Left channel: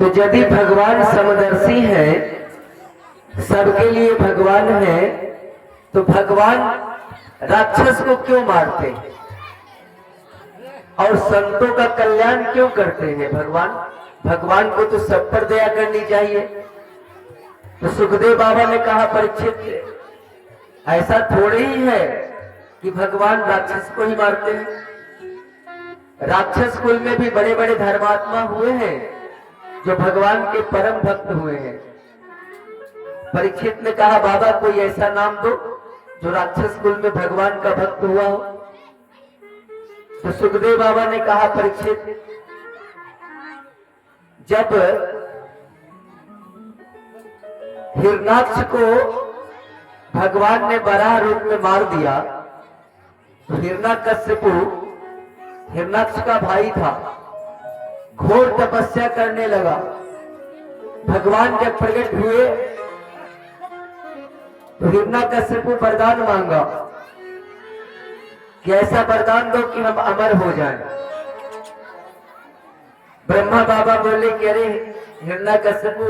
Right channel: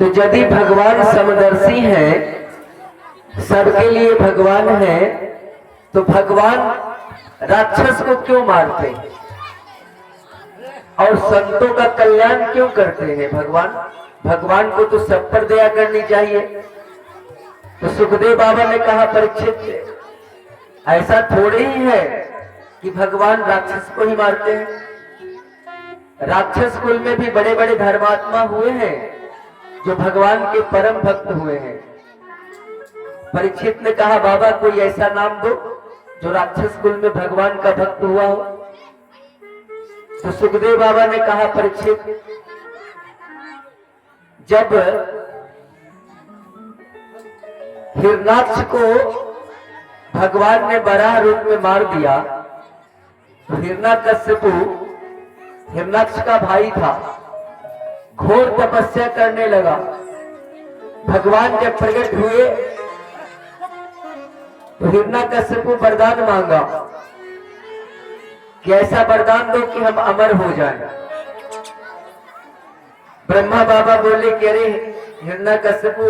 तो यदि भगवान समदर्शी हैं, सबके लिए भगवान है, तो भगवान राक्षस को क्यों मारते हैं और संतों का कल्याण क्यों करते हैं? भगवान को तो सब पर दया करनी चाहिए। तो सुखदेव बाबा ने कहा, परीक्षित ऐसा थोड़े ही है कि भगवान राक्षस को ही मारते हैं। राक्षस कुल में भी बड़े बड़े धर्मात्मा हुए हैं जो भगवान के परम भक्त हुए हैं। परीक्षित ने कहा, बाबा कोई ऐसा नाम दो जो राक्षस कुल में भगवान का भक्त हुआ हो। तो सुखदेव बाबा ने कहा, परीक्षित जब हिरणाक्ष को भगवान ने बराह रूप में मार दिया, तो हिरण्यकश्यपु हिरणाक्ष का भाई था, घोर तपस्या करने लगा। भगवान जब प्रकट हुए तो हिरण्यकश्यपु वरदान मांगा कि ऐसा वरदान दो कि हम अमर हो जाएं। ब्रह्मा बाबा बोले कि अरे हिरण्यकश्यपु,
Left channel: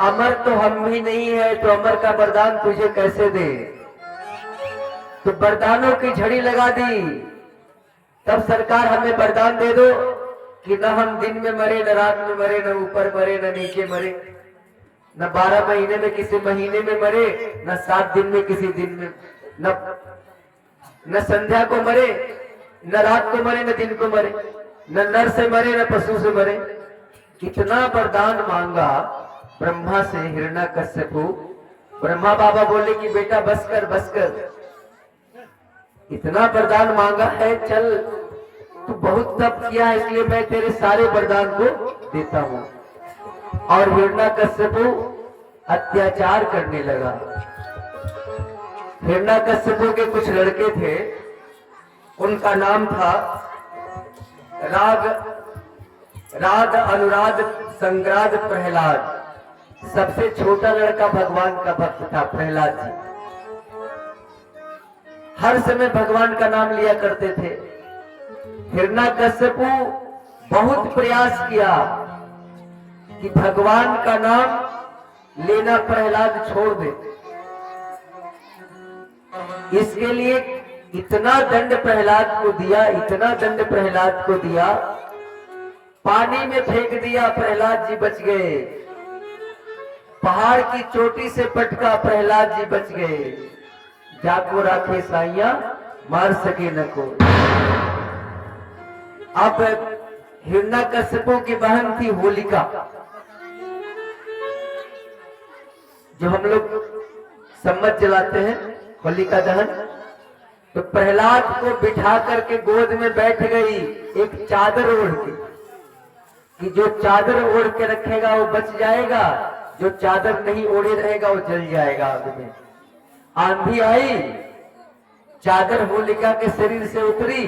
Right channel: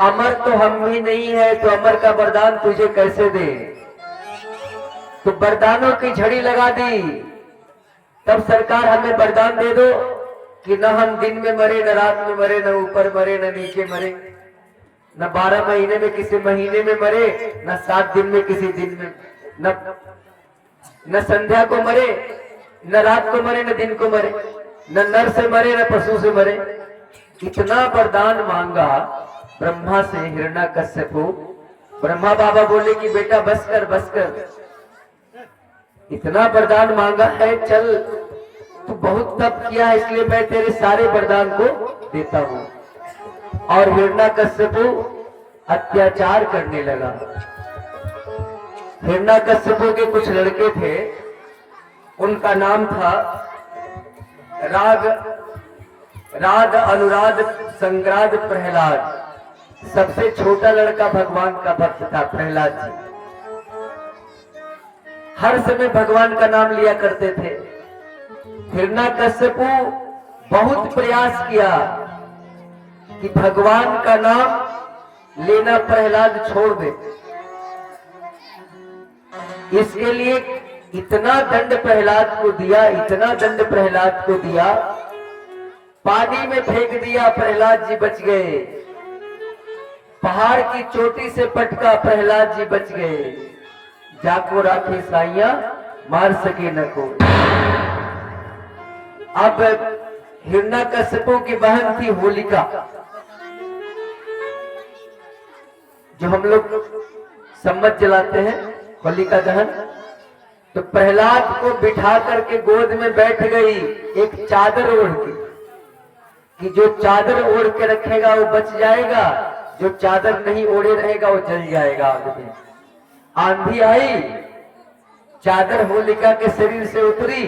अमर तो हम भी नहीं है, तो अमर का वरदान तुझे कैसे दे? तो वरदानों की झड़ी लगा दी। तब सरकार हमें वरदान दे दो कि न हम दिन में मरे, न रात में मरे, न ऊपर मरे, न नीचे मरे, न 12 महीने में किसी महीने में मरे, न 7 दिन में किसी दिन में, न संध्या को मरे, न रात को मरे, न दिन को मरे, न नर से मरे, न पशु से मरे। इतना वरदान मांगा ब्रह्मा से हिरण्यकश्यपु। ब्रह्मा बाबा बोले कि बेटा बस कर, इतना वरदान मांगा है, चल तू बहुत तप किया है, इसलिए मैं तेरे सारे वरदान को देता हूं। और हिरण्यकश्यपु अत्याचार करने लगा। हिरण्यकश्यपु के कुछ लड़के थे, उनका नाम था राग अनुराग संग्राद प्रहलाद। सबसे छोटा लड़का भगवान का भक्त था प्रहलाद जी। हर समय भगवान का नाम लिया करते थे। हिरण्यकश्यपु बहुत प्रयास किया कि भगवान का नाम लेना प्रहलाद छोड़ दे। इसके लिए इतना दंड प्रहलाद को दिया, इतना दंड प्रहलाद को दिया, पानी में फेंक दिया, प्रहलाद जी बच गए। पहाड़ की चोटी से पटका, प्रहलाद जी बच गए। जाको राखे साइया, मार सके न को। अब हिरण्यकश्यपु की बहन थी होलिका, जो हम लोग सम्मत जलाते हैं, होलिका दहन। तो प्रहलाद को बिठा करके गोद में बैठ गई एक चादर ओढ़ के, कि जो चादर ओढ़ के रखेगा वो बच जाएगा, जो चादर नहीं ओढ़े रहेगा वो जल जाएगा आग में। आंधी आई, चादर होलिका के शरीर से उतरी,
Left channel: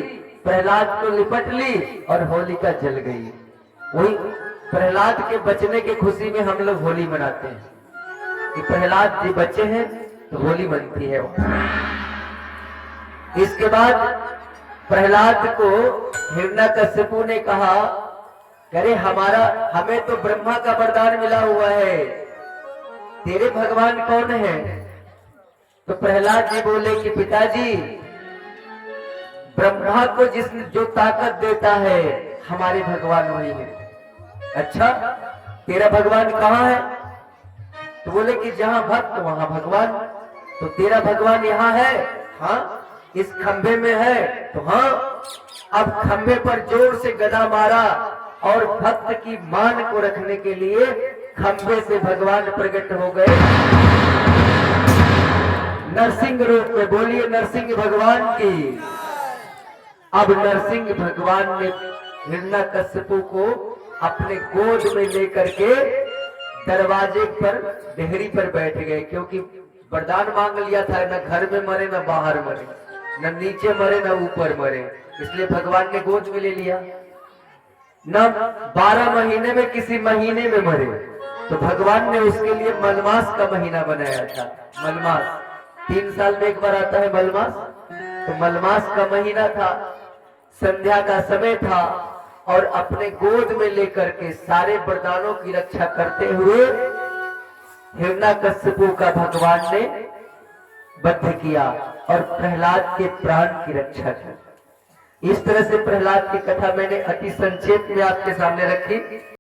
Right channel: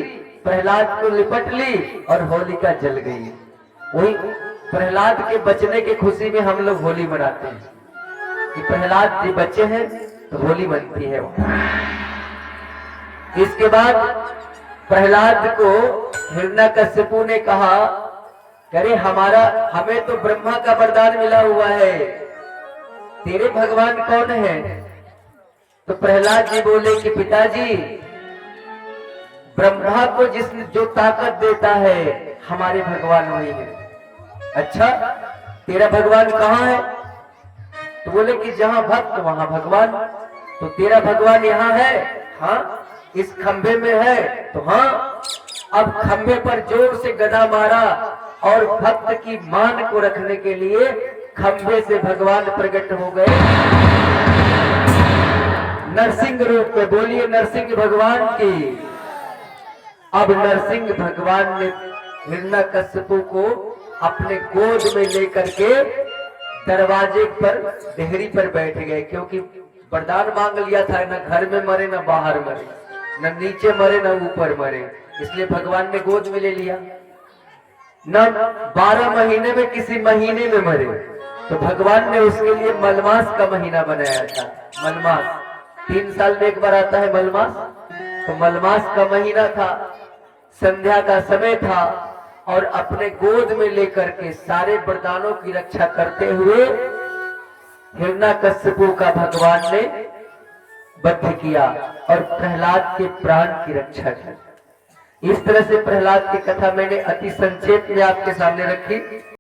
प्रहलाद को लिपट ली और होलिका जल गई। वही प्रहलाद के बचने की खुशी में हम लोग होली मनाते हैं कि प्रहलाद जी बचे हैं तो होली बनती है। इसके बाद प्रहलाद को हिरण्यकश्यपु ने कहा, अरे हमें तो ब्रह्मा का वरदान मिला हुआ है, तेरे भगवान कौन है? तो प्रहलाद जी बोले कि पिताजी, ब्रह्मा को जो ताकत देता है हमारे भगवान वही है। अच्छा, तेरा भगवान कहाँ है? तो बोले कि जहां भक्त वहां भगवान। तो तेरा भगवान यहाँ है? हाँ, इस खंभे में है। तो हाँ। अब खंभे पर जोर से गदा मारा और भक्त की मान को रखने के लिए खंभे से भगवान प्रकट हो गए नरसिंह रूप में। बोलिए नरसिंह भगवान की। अब नरसिंह भगवान ने हिरण्यकश्यपु को अपने गोद में लेकर के दरवाजे पर देहरी पर बैठ गए, क्योंकि वरदान मांग लिया था, न घर में मरे न बाहर मरे, न नीचे मरे न ऊपर मरे, इसलिए भगवान ने गोद में ले लिया। न 12 महीने में किसी महीने में मरे, तो भगवान ने उसके लिए मलमास का महीना बनाया था। मलमास 3 साल में एक बार आता है मलमास, तो मलमास का महीना था, संध्या का समय था और अपने गोद में लेकर के सारे वरदानों की रक्षा करते हुए हिरण्यकश्यपु का भगवान ने वध किया और प्रहलाद के प्राण की रक्षा की। इस तरह से प्रहलाद की कथा मैंने अति संक्षेप में आपके सामने रखी।